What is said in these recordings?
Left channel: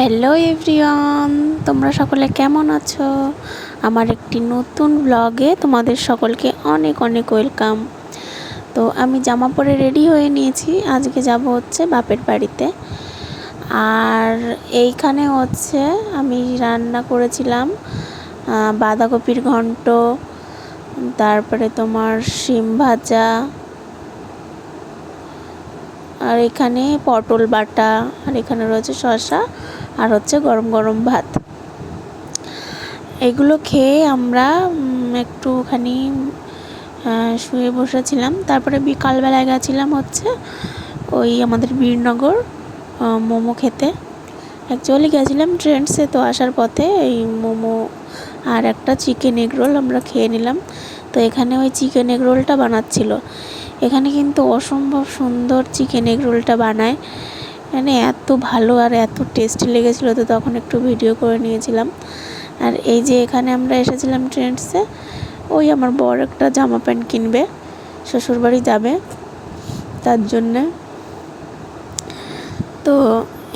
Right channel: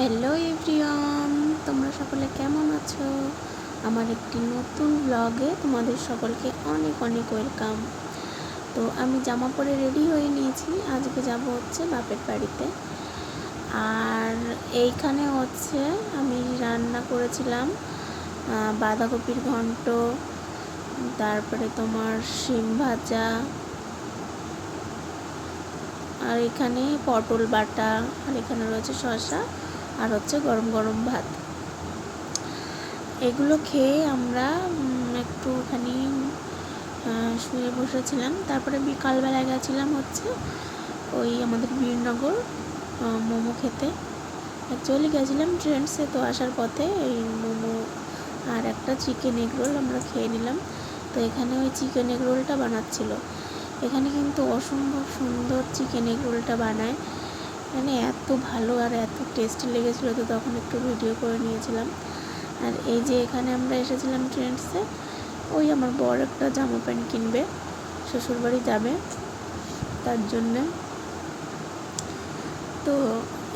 Hello everyone তোমরা সকলে কেমন আছো? আমার একটি নতুন ব্লগে তোমাদের সকলকে অনেক অনেক ওয়েলকাম তো আমি জামা পরে রেডি হয়ে নিয়েছি। আজকে যাব হচ্ছে বাপের বাড়িতে। আর এইখানে হচ্ছে আমি রান্না করেছিলাম বাঁধাকপির ঘন্ট, তারপরে তোমার শিম ভাজা, আর এখানে পটল বাটা, আর এখানে রয়েছে শসা। আর হচ্ছে গরম গরম ভাত। এগুলো খেয়ে আমরা একটুখানি শুয়ে বসেছিলাম। তারপরে বিকালবেলায় গেছিলাম হচ্ছে ওই আমাদের বীরনগর মোমো খেতে। অ্যাকচুয়ালি গেছিলাম ট্রেন্ডসে তো আসার পথে এই মোমো আর একটা চিকেন এগ রোল আমরা খেয়ে নিলাম। তো এখানে ওই চিকেন এগ রোলটা বানাচ্ছিল। এখানে কিন্তু অসম্ভব সুন্দর চিকেন এগ রোলটা বানায়। মানে এত ভালো আর এত টেস্টি লেগেছিলো তো তখন একটু ভিডিও করে নিয়েছিলাম। আর এই যে এখানে আমরা এসেছিলাম ট্রেন্ডসে ওই আমার বর একটা জামা প্যান্ট কিনবে, শ্বশুরবাড়ি যাবে তার জন্যে। তো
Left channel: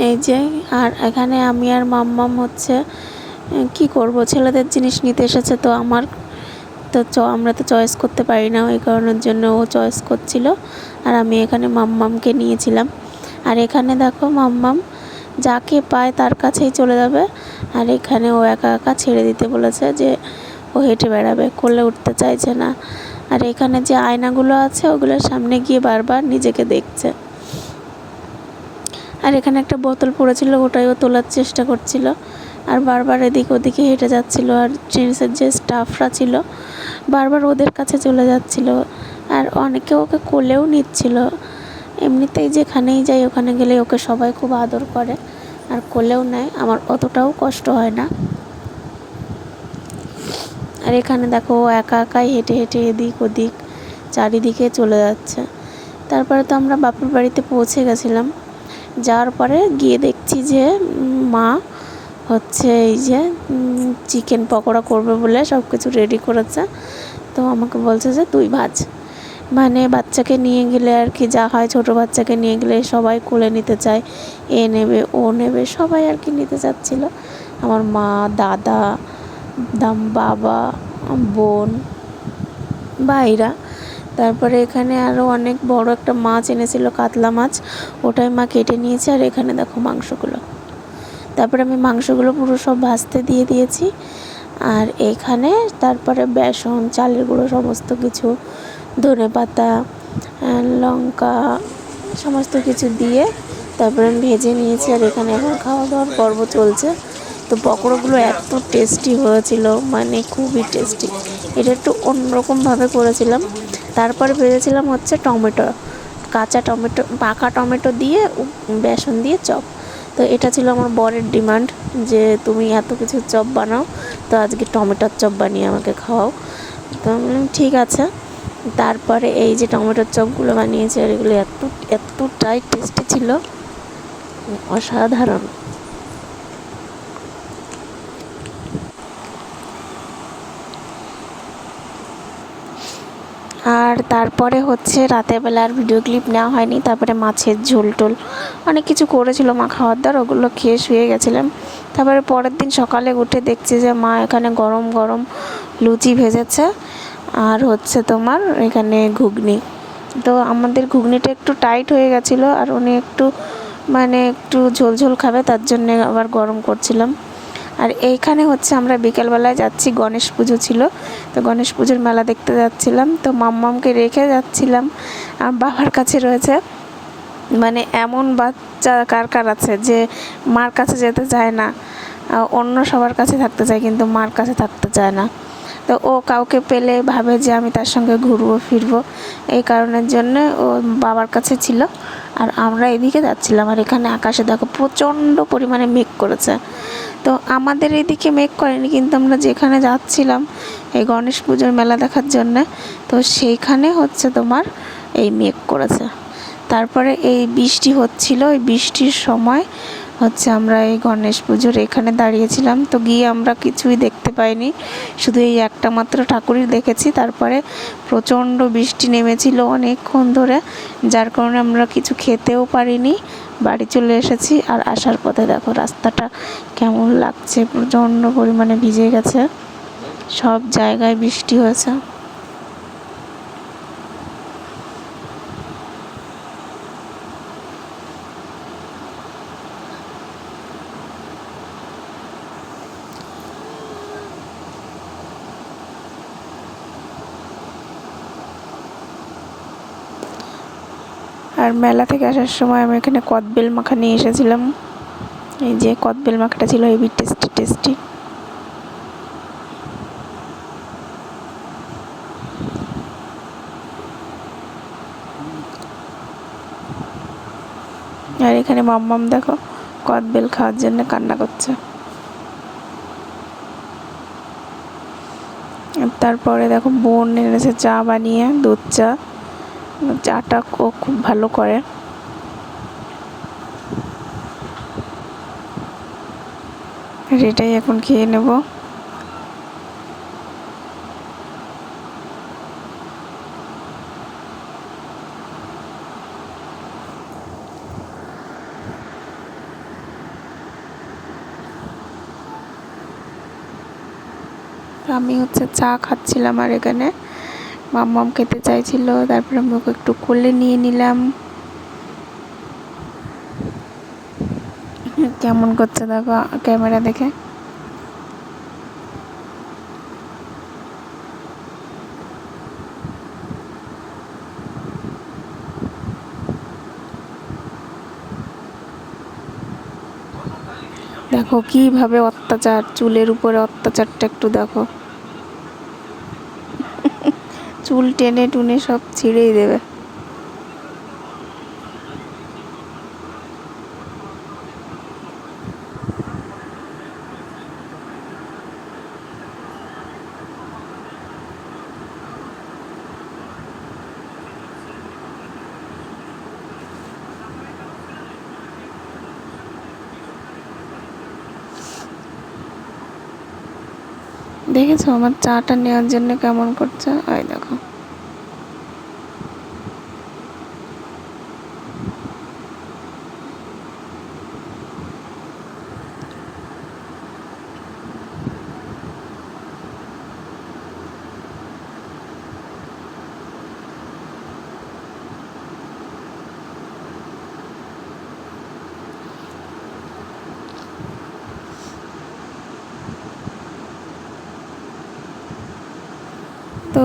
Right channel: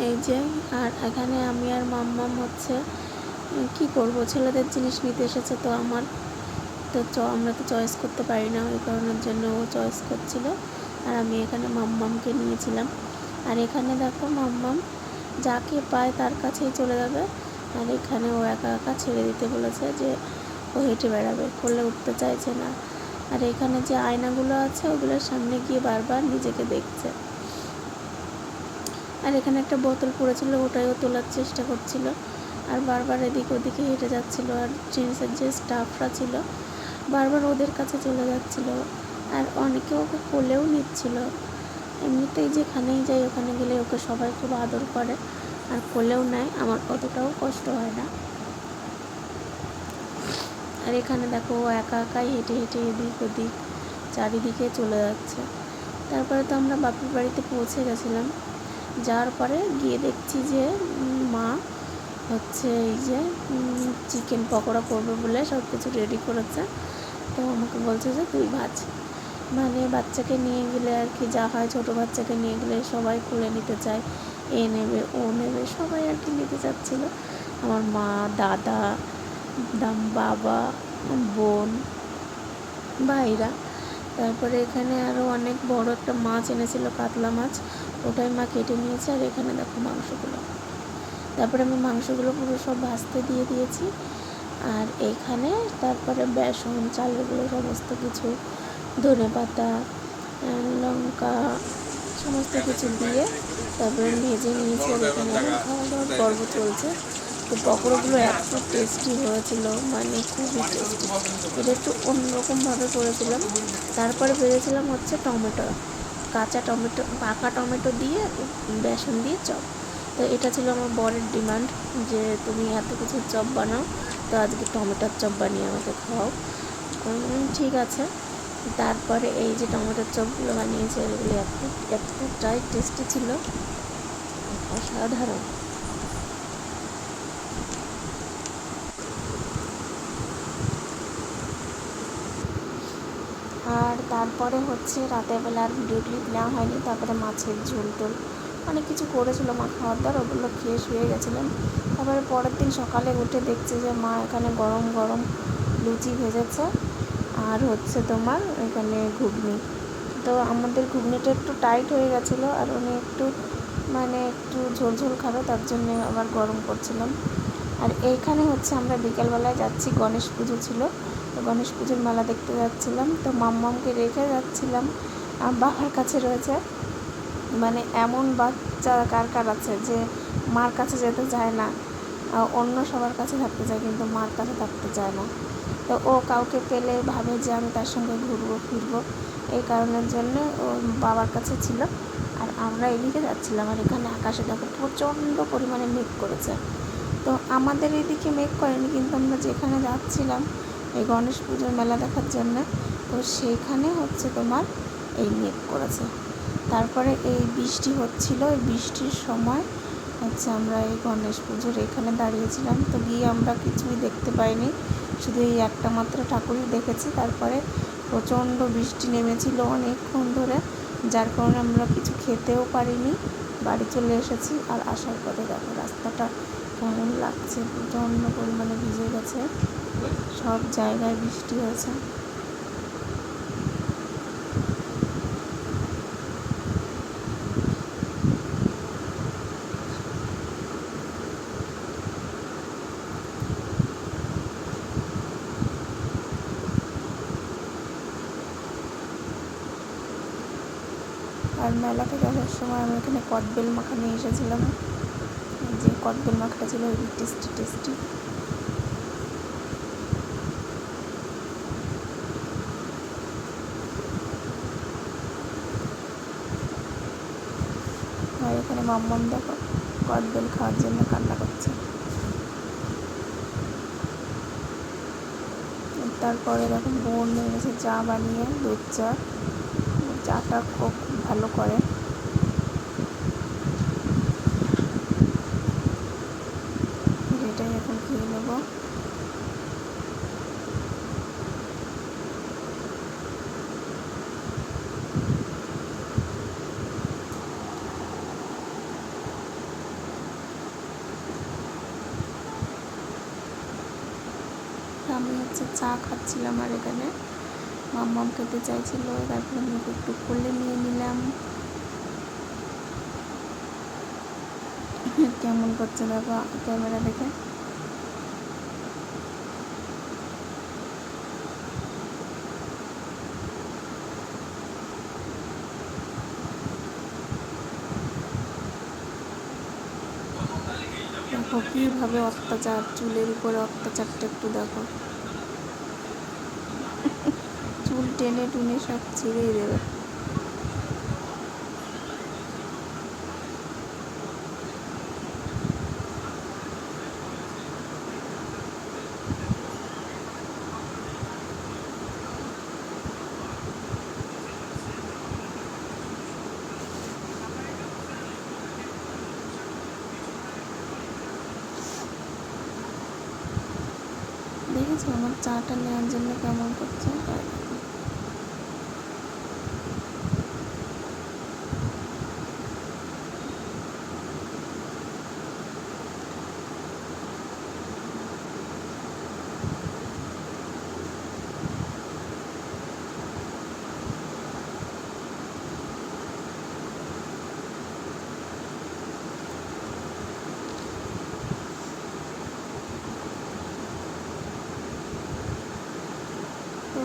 এই যে, আর এখানে আমি আর মাম্মাম হচ্ছে কি করব? ছেলেদের জিনিস নিতে এসেছে তো আমার। তো চ, আমরা তো চয়েস করতে পারি না, ওই কারণের জন্য ও চয়েস করছিল। আর আমি এখানে মাম্মামকে নিয়েছিলাম। আর এখানে দেখো মাম্মাম যাকে পায় তার কাছেই চলে যাবে। আর এখানে ও একা একা ছেড়ে দিতে বলেছে যে ও হেঁটে বেড়াবে, কোলে উঠতে চাইছে না। আর এখানে যে আয়নাগুলো আছে, ওগুলোর সামনে গিয়ে বারবার নিজেকে দেখছে। আর এখানে একটা বোতল পড়েছিল, ওটাই ও তোলার চেষ্টা করছিল। আর বারবার এদিক ওদিকে হেঁটে যাচ্ছিল, আর জেন্টসের যে স্টাফরা ছিল, বারবার ওদের কাছে চলে যাচ্ছিল। আর অনেকে ওকে কোলেও নিচ্ছিল। এমনিতেই যেখানেই যাই, ওখানে গেলে ওকে সবাই খুব আদর করে। আর কোলেও নেয় আমার অতটাও কষ্ট হয় না। আর এখানে দেখো, ও একা একাই হেঁটে হেঁটে এদিক ওদিক, চারিদিকে চলে যাচ্ছে। তারপরে তো আমরা বাপুর বাড়িতে পৌঁছে গেছিলাম। যাওয়ার পরে গিয়ে দেখছি যে মা হচ্ছে এই যে চিকেন পকোড়া করবে বলে সব কিছু রেডি করেছে। তো আমাকে বলছে যে, তুই ভাজ। মানে বাচ্চাকে নিয়ে গেলে আর কি যা হয়, ছোটো বাচ্চাকে নিয়ে গেলে সবাই কোলে নিতে চায়, এ নেবে, ও নেবে, সবাই আর কি নিতে চাচ্ছিলো। আমার মা, দাদা, দাম বাবা, বোন, ভাইরা। তারপরে এখানে আরও অনেক বড় একটা মাছ এনেছিল, কাতলা মাছ। ওটাই মা কেটে নিয়েছে আর এখানে দেখো মাংসগুলো। তারপরে আমি মাংসগুলো পুরো সব ভাজতে দিয়ে দিয়েছি। আর এখানে তারপরে বেসন, চালের গুঁড়ো, সমস্ত কিছু ধনে পাতা লঙ্কা, সমস্ত কিছু দিয়ে তারপরে ভেজে নিয়েছি আর এখানে এখন খাওয়া দাওয়ার পর্ব চলছে। তো পকোড়াগুলো এত টেস্টি হয়েছিল মানে খুবই টেস্টি এটা একটু অন্যরকমভাবে করেছিলাম। তারপরে ভেজেছিলাম হচ্ছে টমেটো, কাঁচা টমেটো, পাকা টমেটো দিয়ে বেসন দিয়ে চপ। তো এটা ছিল আমার বরের ডিমান্ড যে, তুমি এত কিছু চপ বানাও, তো আজকে টমেটোর চপ বানিয়ে আমাকে খাওয়াও। তো ঠিক আছে। তারপরে এই যে টমেটোর চপগুলো বানিয়েছে আর এগুলো এত এতটাই টেস্টি ছিল। অসাধারণ। আর তারপরে হচ্ছে রাতের বেলা আর ভিডিও ক্লিপ নেওয়া হয়নি, তারপরে মাছের ঝোল টোল। অনেক কিছু করেছিল মা খাওয়ার দাওয়ার ওগুলো খেয়ে শুয়ে গেছিলাম। তারপরে পরের দিন সকালে উঠে দেখছি যে মা এখানে গরম গরম লুচি ভেজেছে। আর হচ্ছে তোমার এখানে ঘুগনি। তো আমাদের ঘুগনিটা একটু টাইট হয়ে গেছিল আর উনি একটু মানে একটু ঝোল ঝোল খাবে, তার জন্যে আবার গরম করছিলাম। আর এইখানে হচ্ছে আমরা বিকেলবেলায় যাচ্ছি, গণেশ পুজো ছিল। তো গণেশ পুজোর মেলা দেখতে যাচ্ছিলাম। তো মাম্মামকে রেখে যাচ্ছিলাম। আর বাবার কাছে রয়েছে মানে এমন বাচ্চা কার কার আছে যে মার কাছে যেতে চায় না। অন্য সবার কাছে থাকতে চায়, কিন্তু মার কাছে থাকতে চায় না। তো ও কাউকে পেলে ভাবে যে আমি তার সঙ্গে ঘুরবো, ফিরবো। এই কারণের জন্য ও বাবার কাছে ছিল। আর আমরা এদিকে যাচ্ছিলাম আর এখানে আকাশে দেখো প্রচণ্ড পরিমাণে মেঘ করেছে। তো আমাদের এদিকে মেঘ করেনি কিন্তু আমরা যেখানে যাচ্ছিলাম এই গণেশ পুজোর মেলা দেখার জন্য, তো সেইখানে হচ্ছে তোমার এই মেঘ করেছে। তারপরে এই বৃষ্টি হচ্ছিল। ওই বৃষ্টির সময় হচ্ছে আমরা এই গণেশ পুজোর এখানে দাঁড়িয়েছিলাম। তো গিয়ে আমরা কিছুই দেখতে পাইনি। শুধু এই একটা মাত্র ঠাকুরই দেখেছি। তারপরে প্রচণ্ড বৃষ্টি নেমেছিল অনেকক্ষণ ধরে। যার কারণে আমরা কিছু খেতেও পারিনি। বাড়ি চলে এসেছি। আর আসার পথে দেখো রাস্তাটা কেমন লাগছে। প্রচণ্ড পরিমাণে ভিজে গেছে। সব জায়গায় বৃষ্টি হয়েছে। আর মেলা থেকে আসার সময় আমি এখানে কদবেল মাখা নিয়ে এসেছিলাম। এই যে কদবেল মাখাটা ছিল হেভি টেস্টি টেস্টি। আর এখানে মাম্মাম দেখো কদবেল খাওয়ার জন্য কান্না করছে। তারপরে দেখো বোন এনেছে চা বানিয়ে, দুধ চা। চাটা ও খুব ভালো করে। এটাই এখন খেয়ে নেব। আমি হচ্ছে চা খাচ্ছিলাম আর এখানে। মাম্মাম খেতে চাইছিল, তারপরে আমি ওকে একটু কোলে নিয়ে নিলাম। কেমন করছে দেখো, ক্যামেরা দেখে। দেখো কীভাবে অত্যাচার, চুলের উপরে অত্যাচারটা একটু দেখো। চুল টেনে টুনে সব ছিঁড়েই দেবে। দেখেছ? আমার চাটা নেওয়ার জন্য কেমন করছে? ওই দেখো তো